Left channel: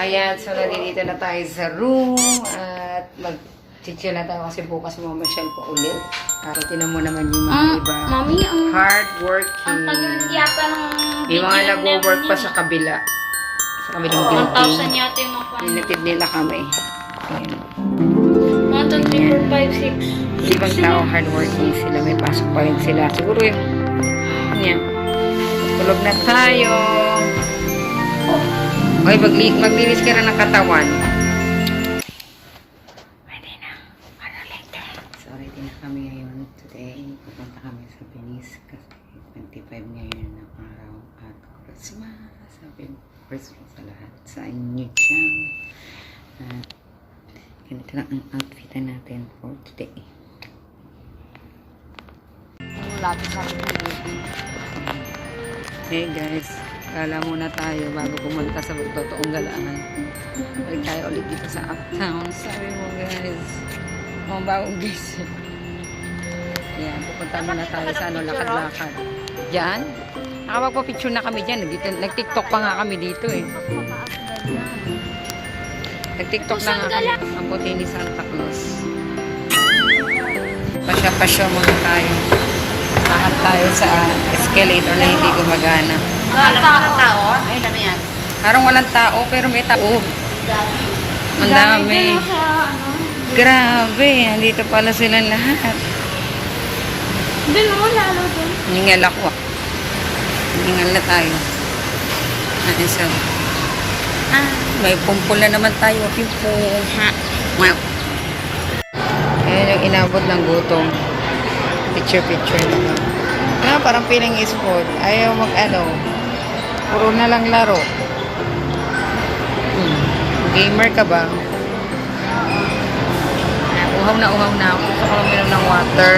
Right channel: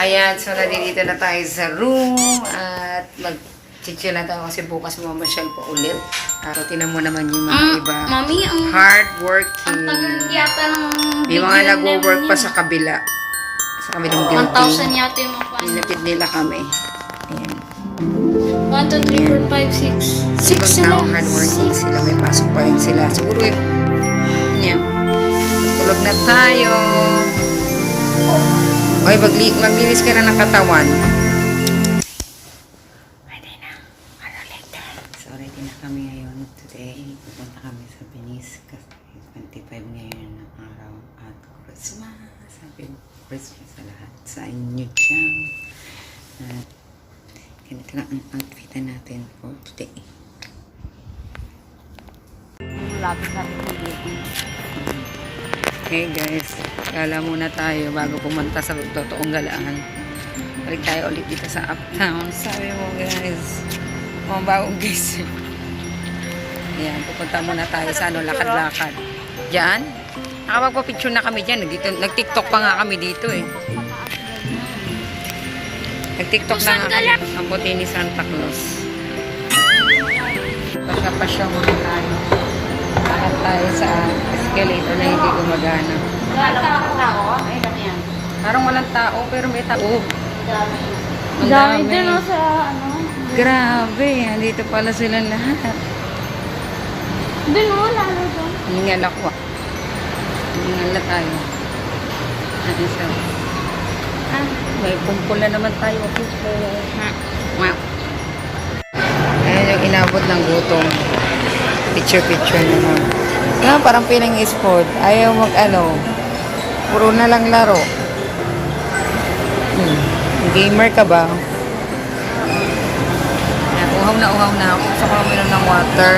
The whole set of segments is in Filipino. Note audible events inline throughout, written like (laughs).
Ayan, so nandito na tayo sa room at mag chill na tayo kasi bukas mamasyal po ulit. At so, tinan mo naman yung mga Ah, iba. Mami, ang, ang Hardworking. tagal yata ng May mga nag-work pa sa kabila. Sa kabilang building. 1,000 yata yung mga Pinatid nila kami. Ayan. 1, 2, 3, 4, 5, 6. Ibang tao hardworking sila. May pasok pa rin sila. Siguro yung... Ayan. Tulog na tayo. Oy, magli maglinis ka na ng katawan. Pwede na. Ano later? So, ready na kami ngayon. Today, pupunta kami sa Venice kasi 25 ngayon ng araw at Christmas. Sabi Christmas sa lahat. Sa inyo dyan. At ganito lang ang outfit natin for today. Lapit sa akin Hey guys, gala muna tayo bago pumunta sa totoong galaan. Balik tayo ulit dito sa uptown. Sabi mo guys, mga bagong guys. Ayan, pupunta muna tayo sa ano, lakad-lakad. Diyan? Nakapagpa-picture na kami dyan. Dito, nag-tiktok pa nga kami dito eh. Nag-tiktok na nga kami. Ang puti ni Santa Claus. Pasya-pasya muna tayo. Lakad tayo sa escalator na hindi gumagana. Tao? Ay, ano yan? Parang walang tao, pero may tao. Ang dami. Grabe, andito pala silang lahat. Doon mo, lalo din. Hiningal ako ah. Hiningal na tayo. Ano isa? Ah, may pumpol na naman tayo. Pipo. Ha? Well. Ayan yung inabot ng gutom. Picture-picture naman. Ah, parang piling sport. Ayaw mag ano. Puro na lang laro. Hmm. Gamer ka ba? Ah, uhaw na uhaw na ako. Gusto ko lang uminom ng water.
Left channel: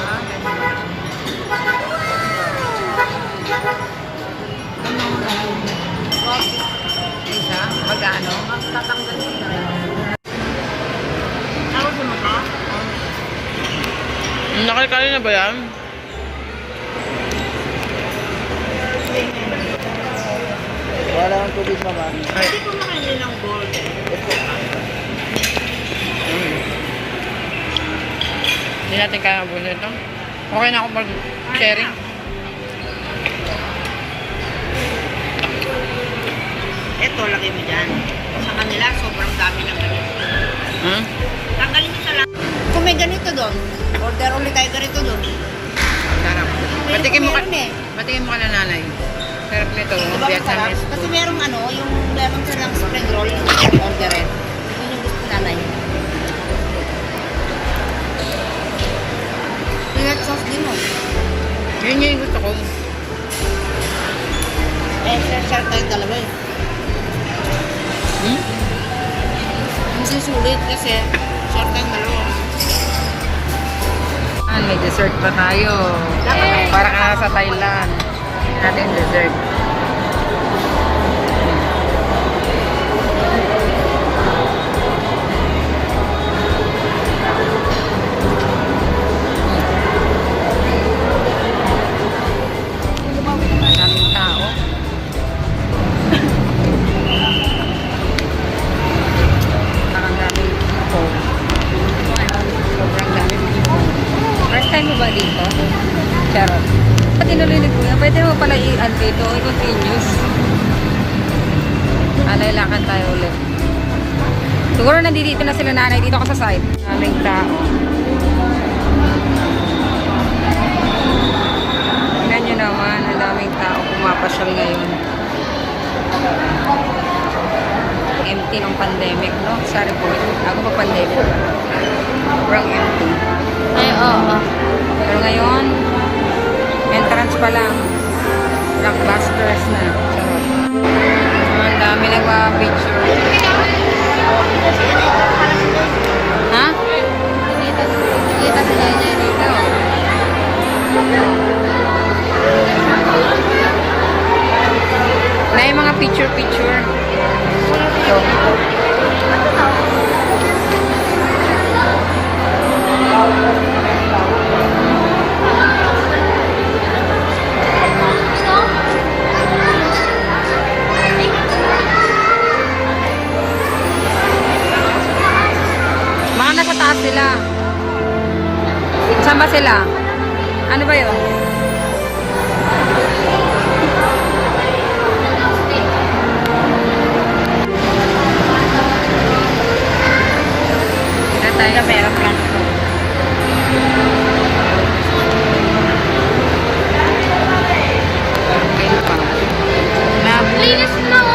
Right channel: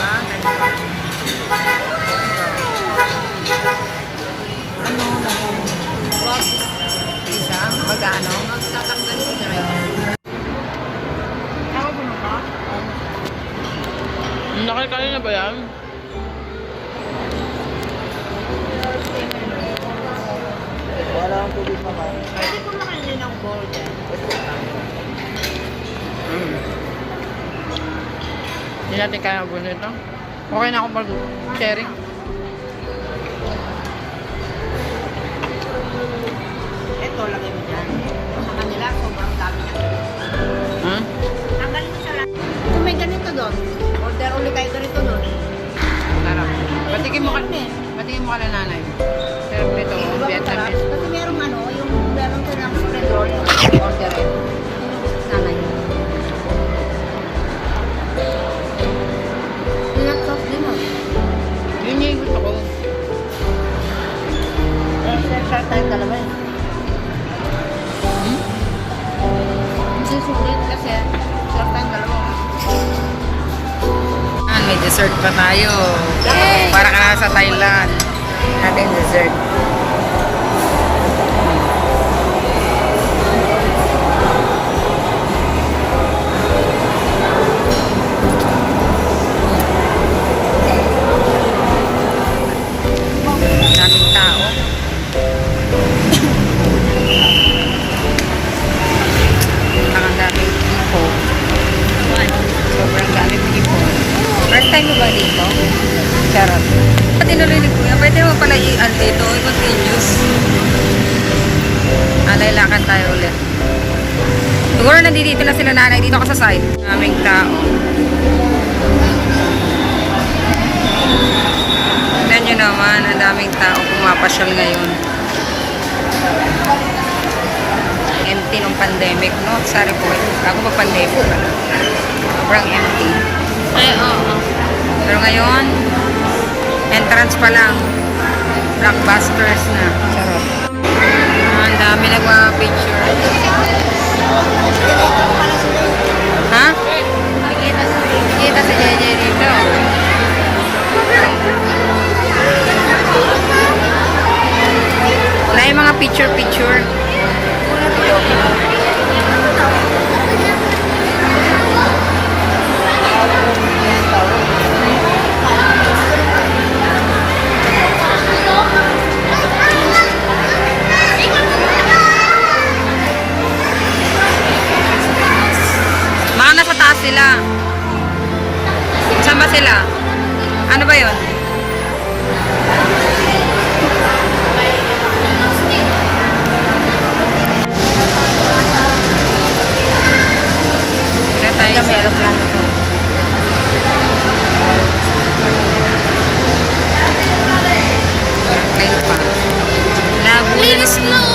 Ah. Ano? Isa? Magkano? Magtatanggal siya rin. Tawag mo ba? Nakakali na ba yan? Wala akong tubig mo ba? Pwede ko makainin ng gold. Hindi natin kaya mabuno ito. Okay na ako mag-sharing. Ito, lagay mo dyan. Sa kanila, sobrang dami ng ganito. Ha? Tanggalin mo sa lang. Kung may ganito doon, order ulit tayo ganito doon. Sarap. Patikin mo ka, eh. patikin mo ka na nanay. Sarap nito. Vietnamese. masarap? Kasi merong ano, yung lemon sa ng spread roll, order it. Yun yung gusto nanay. Yung red sauce din mo. Yun yung gusto ko. Eh, share-share tayong dalawa eh. Hmm? Ang susulit kasi, share tayong dalawa. May dessert pa tayo. Para ka na sa Thailand. Natin dessert. First time mo ba dito? Charot. Tinuloy ni Kuya, pwede mo pala i-ano dito, i-continuous. Alay-lakan tayo ulit. Siguro nandito na sila nanay dito ako sa side. Daming tao. Tignan nyo naman, ang daming tao pumapasyal ngayon. Empty nung pandemic, no? Sorry po, ako mag-pandemic pala. Sobrang empty. Entrance pa lang. Blockbusters na. Charot. Ah, ang dami nagpa-picture. Ha? Kita sa Jeje dito. Na yung mga picture-picture. Ito. nasa taas sila. Saan ba sila? Ano ba yun? Wala tayo sa Ayun pa. Labo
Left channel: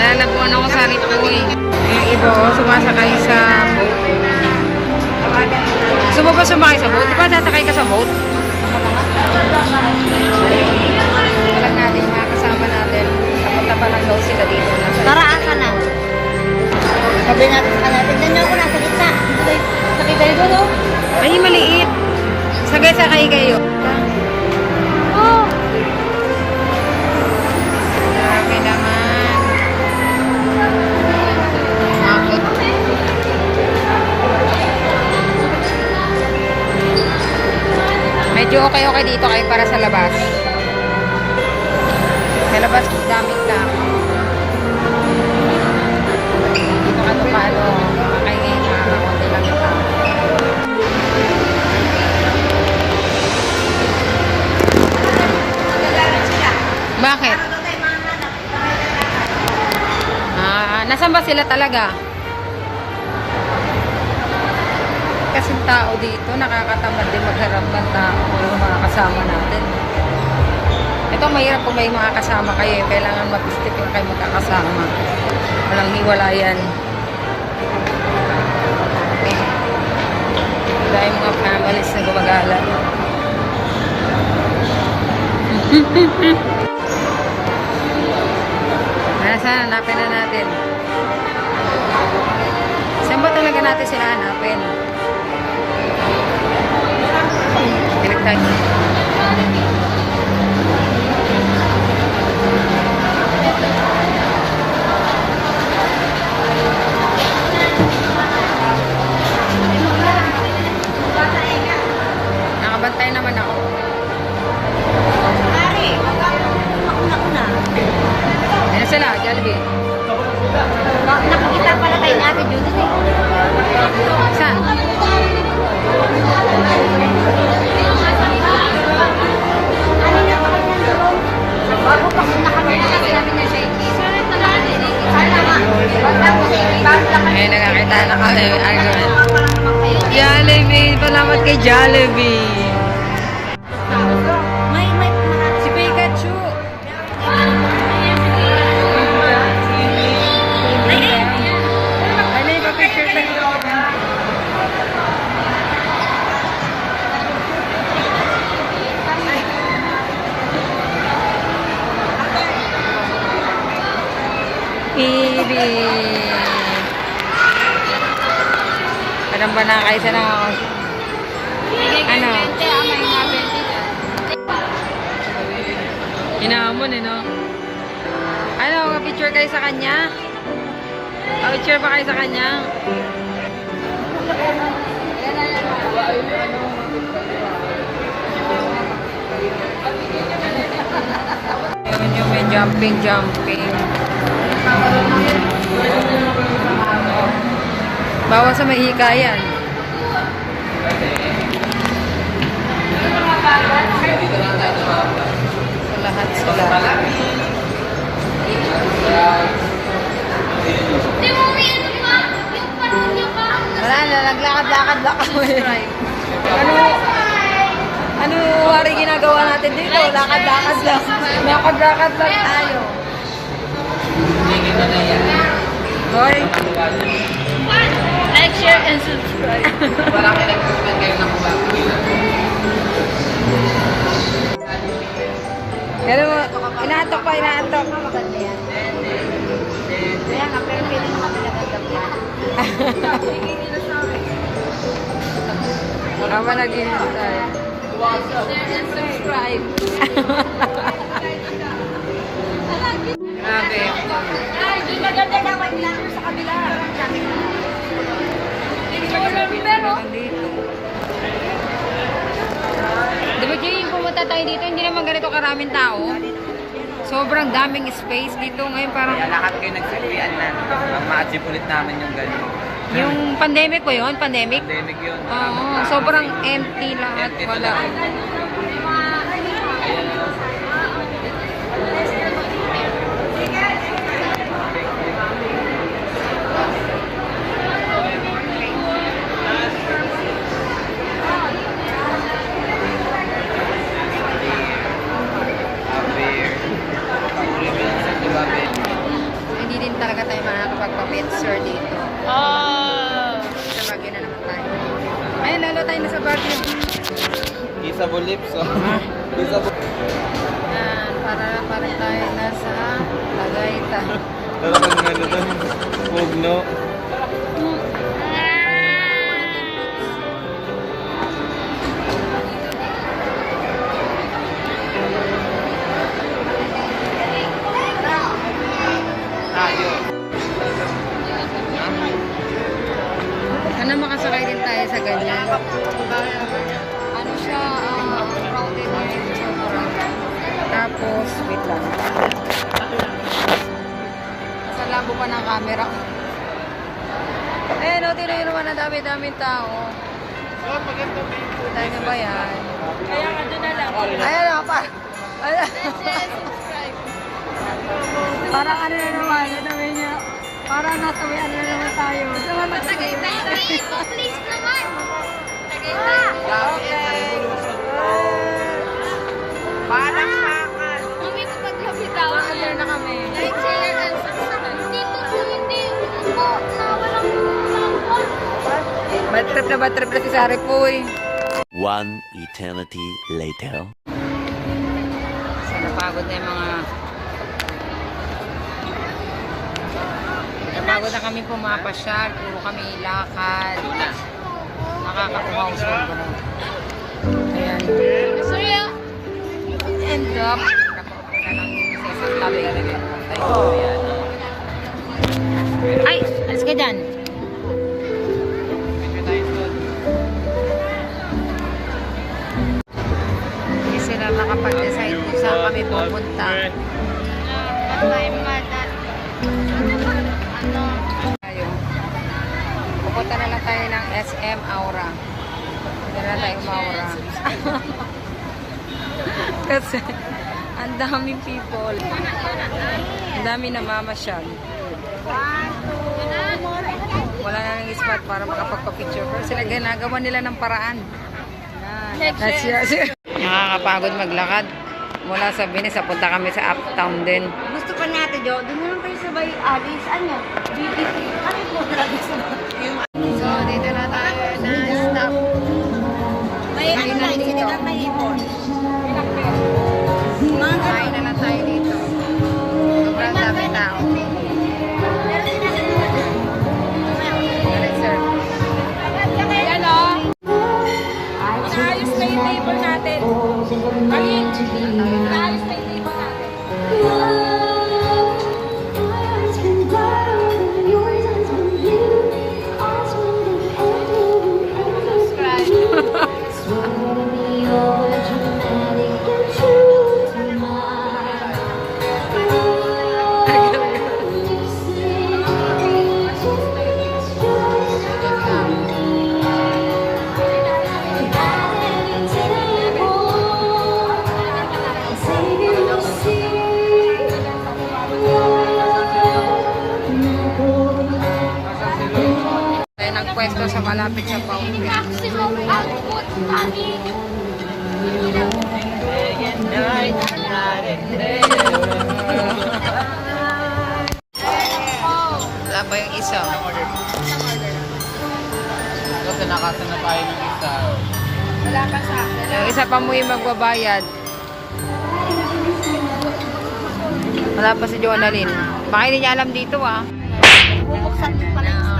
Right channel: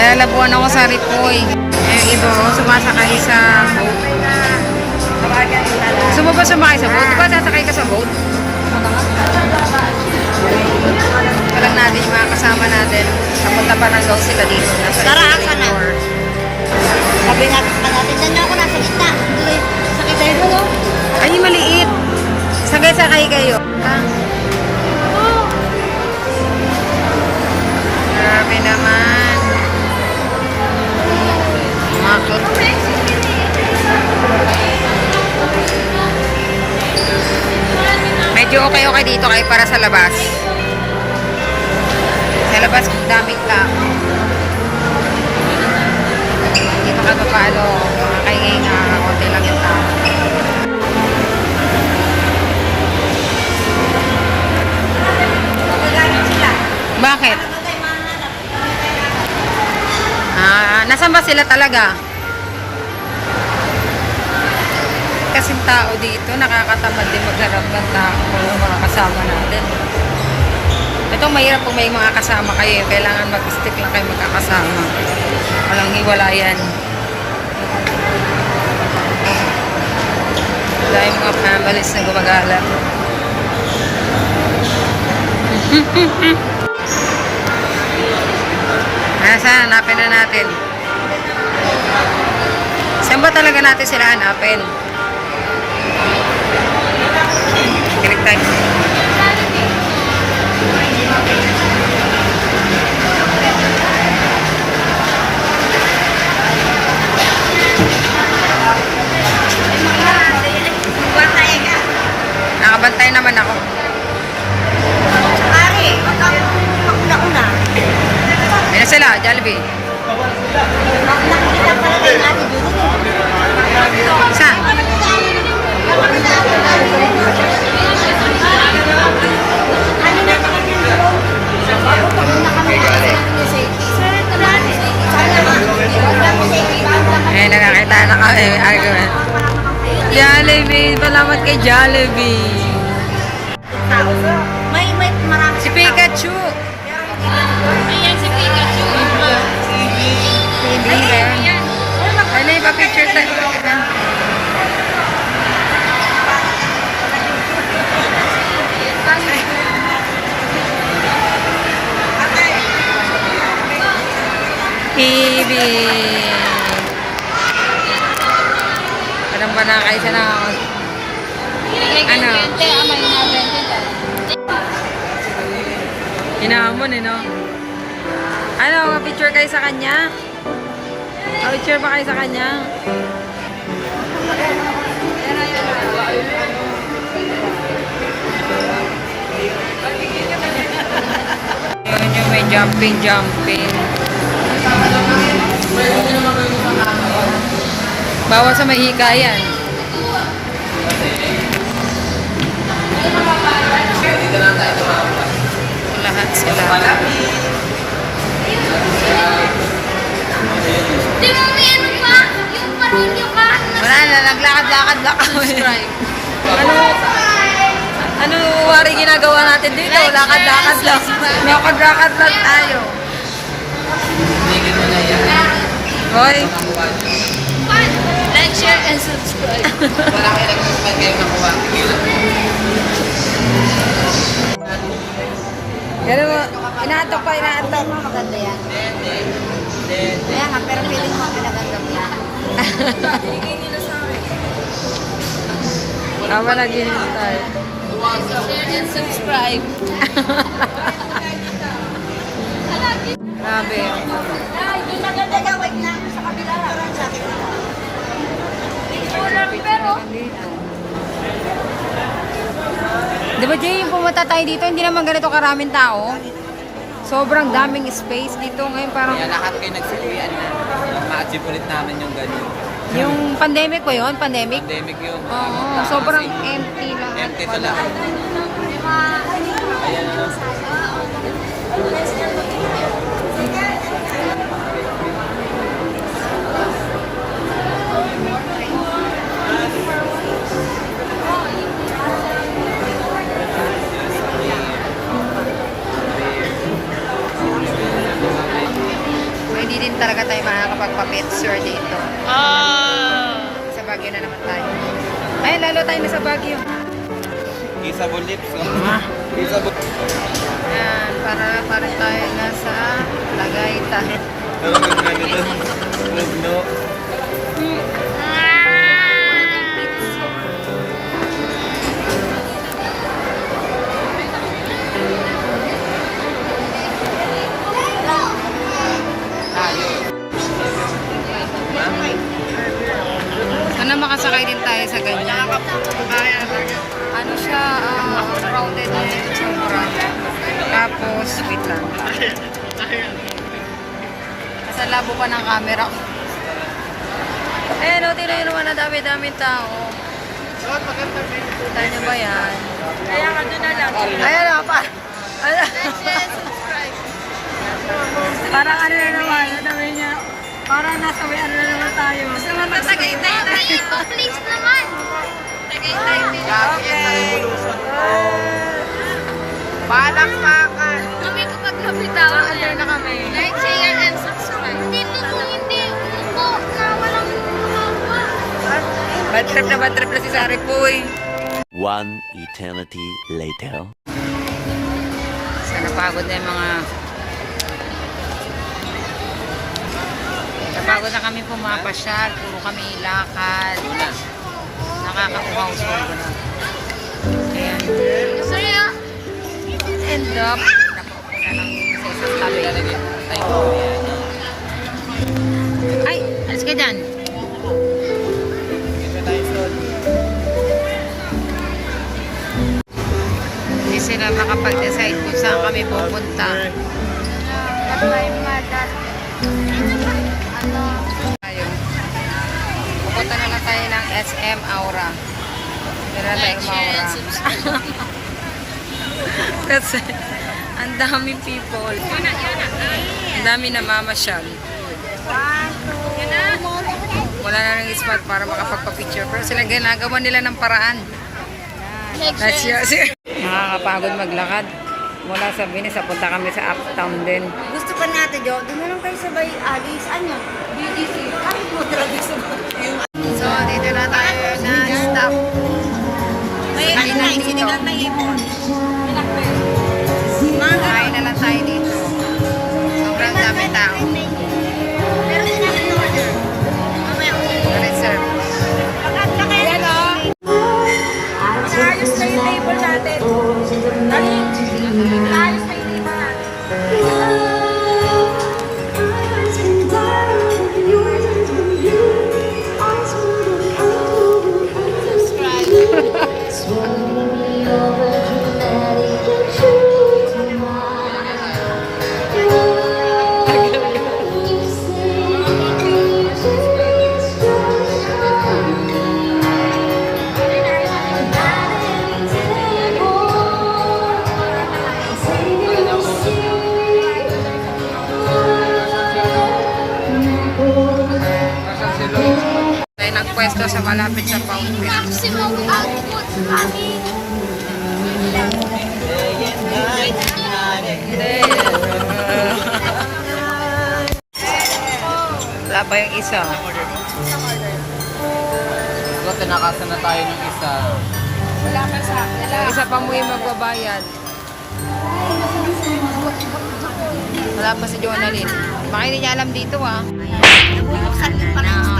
Nalalabuan ako sa Ripoy. Eh, iba oh, sumasakay sa boat. Gusto mo ba sumakay sa boat? Di ba sasakay ka sa boat? Ito lang natin yung mga kasama natin. Kapunta pa lang daw sila dito. Nasa Tara, asa na? Sabi natin sa natin, nandiyan ako nasa gitna. Sakit tayo doon. Ay, maliit. Sagay-sakay kayo. Grabe naman. Medyo okay-okay dito kayo para sa labas. Sa labas, daming tao. Dito ka pa paano, mga kaingay nga, konti lang yung tao. Bakit? Ah, nasan ba sila talaga? Kasing tao dito, nakakatamad din magharap ng tao yung mga kasama natin. Ito mahirap kung may mga kasama kayo. Kailangan mag-stick lang kayo magkakasama. Walang hiwalayan. Dahil mga families na gumagala. (laughs) Nasa hanapin na natin. Saan ba talaga natin sila hanapin? Tayo. Nakabantay naman ako. Pare, makuna-una. Ayun na sila, Jollibee. Nakakita na kami. Argument. Jollibee. Salamat kay Jollibee. May, may marami. Si Pikachu. Ayan si Pikachu. Hindi ba? Ano yung pa-picture tayo? Ibi. Parang ba na kayo sa na Ano? Hinahamon eh, no? Ano, picture kayo sa kanya? Picture ba kayo sa kanya? Yun yung may jumping, jumping. Bawa sa may hikayan. Lahat sila. Di mo may ano pa? Yung parodyo ka? Wala na, naglakad-lakad lang kami. ano, ano wari ginagawa natin dito? Lakad-lakad lang. Lakad-lakad lang tayo. Hoy, share, and subscribe. Pero, inaatok pa, inaatok. Maganda yan. Ayan, ang pero feeling mo kami nagandang na. Tama na din tayo. share and subscribe. (laughs) Grabe. Pero. Diba, Jay, yung pumunta tayo dito, hindi naman ganito karaming tao. Sobrang daming space dito. Ngayon parang Kaya lahat kayo nagsilian na. Ang ma-achieve ulit namin yung ganun. Yung pandemic ba yun? Pandemic? Pandemic yun. Oo, sobrang empty lahat. Empty Wala. talaga. Kissable lips. Oh. Ah. Kissable. Yan, para parang tayo nasa Tagaytay. Ano yung ano doon? Huwag no. Tayo. Ha? Sana makasakay din tayo sa ganyan. Ano siya, ah, crowded din, sobra. Tapos, wait lang. Nasa labo pa ng camera ko. Eh, no, yun naman na dami-daming tao. Kita nyo ba yan? Kaya ka doon na lang. Ayan na, pa. Ayan. Parang ano na naman, ano naman niya. Parang nasa may ano na naman tayo. Sa mga Tagaytay dito, please naman. Okay. Palakpakan. Mami, kapag lapitaw Ano na kami. Like, share, and subscribe. Hindi po, hindi. Po, na walang walang Bad trip na bad trip na si Sari Puy. One eternity later. Sana pagod na yung mga... Napagod na kami pumapasyal. Puro kami lakad. Nakakauhaw sobra. Ayan. Sorry, ah. End up. Nakaupo na lang sa isang tabi. Ay, alis ka dyan. Hindi sila makapag-decide kung saan kami pupunta. Tayo. Tayo ng SM Aura. Na tayo umaura. (laughs) Kasi ang daming people. Ang dami na mamasyal. Wala na ng spot para makapagpa-picture. Pero sila ginagawa nila ng paraan. That's yours. (laughs) Nakakapagod maglakad. Mula sa Venice, punta kami sa uptown din. Gusto pa natin, Jo. Naman kayo sabay alis. Ano? DDC. Kahit mo lagi sabay. Dito na tayo na stop. Kain na dito. Malapit sa fountain. Maximum output, Mami. Wala pa yung isa. So, tinakasan na tayo ng isa. Yung isa pa mo yung magbabayad. Wala pa si Jonalyn. Baka hindi niya alam dito ah. Bubuksan din pala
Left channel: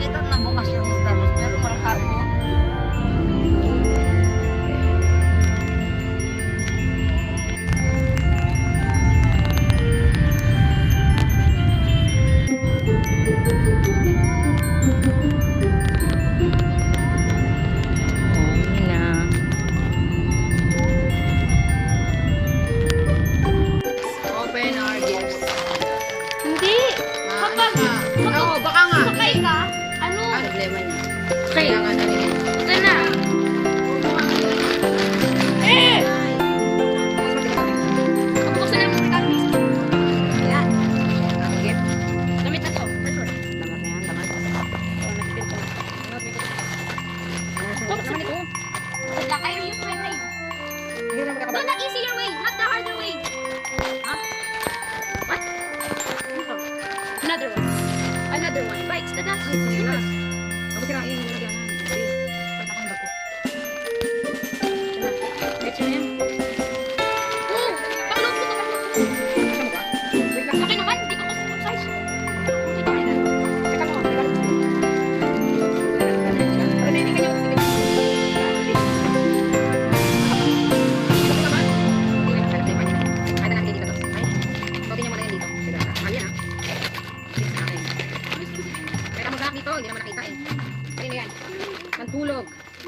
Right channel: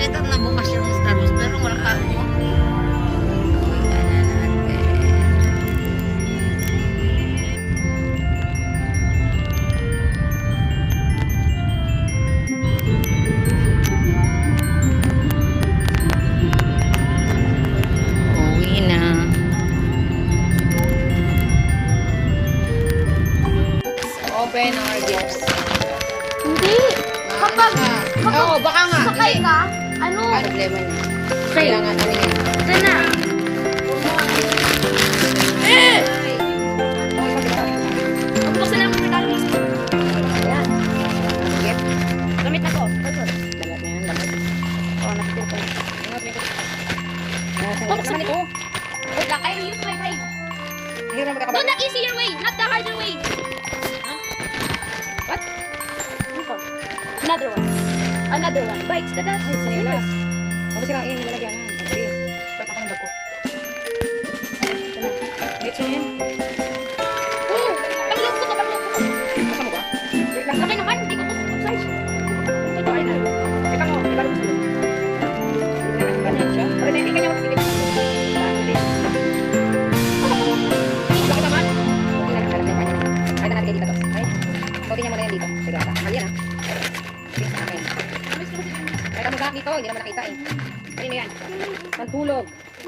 Never ko nakita na bukas yung Sumunod naman ito. I use my way. Hindi na Do makakabalik. the easier way, not the harder way. Huh? What? Another one. Another one. Bites the dust. Na. Ako sila yung lalagyan.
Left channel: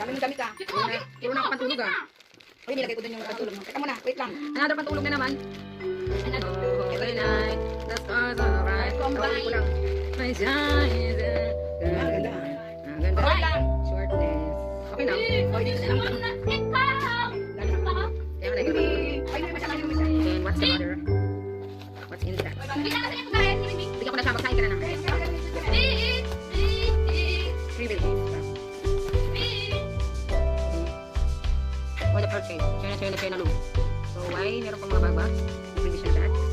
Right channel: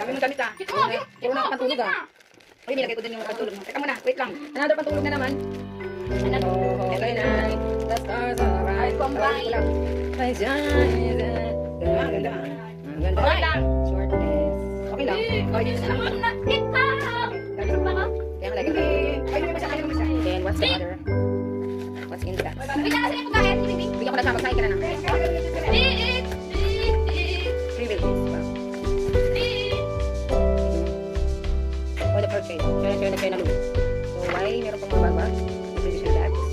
Dami mo damit ah. Puro na pantulog ah. Uy, nilagay ko dun yung pantulog mo. Teka muna, wait lang. Another pantulog na naman. Another. Oh, okay night. The stars are bright. Lang. My shine. Ganda, ganda. Ang ganda. Wait lang. Shortness. Okay lang. Oh, yun lang. Ka! Ka? Kaya malagay ko. Ay. Then, what's the other? What's in that? Bigyan kasi yung pagkain, Bibi. Bigyan ko na siya. Magsakin Page. Kaya siya nagkaya na loop. So, why? Meron pang mababa. Distribution that. Tara!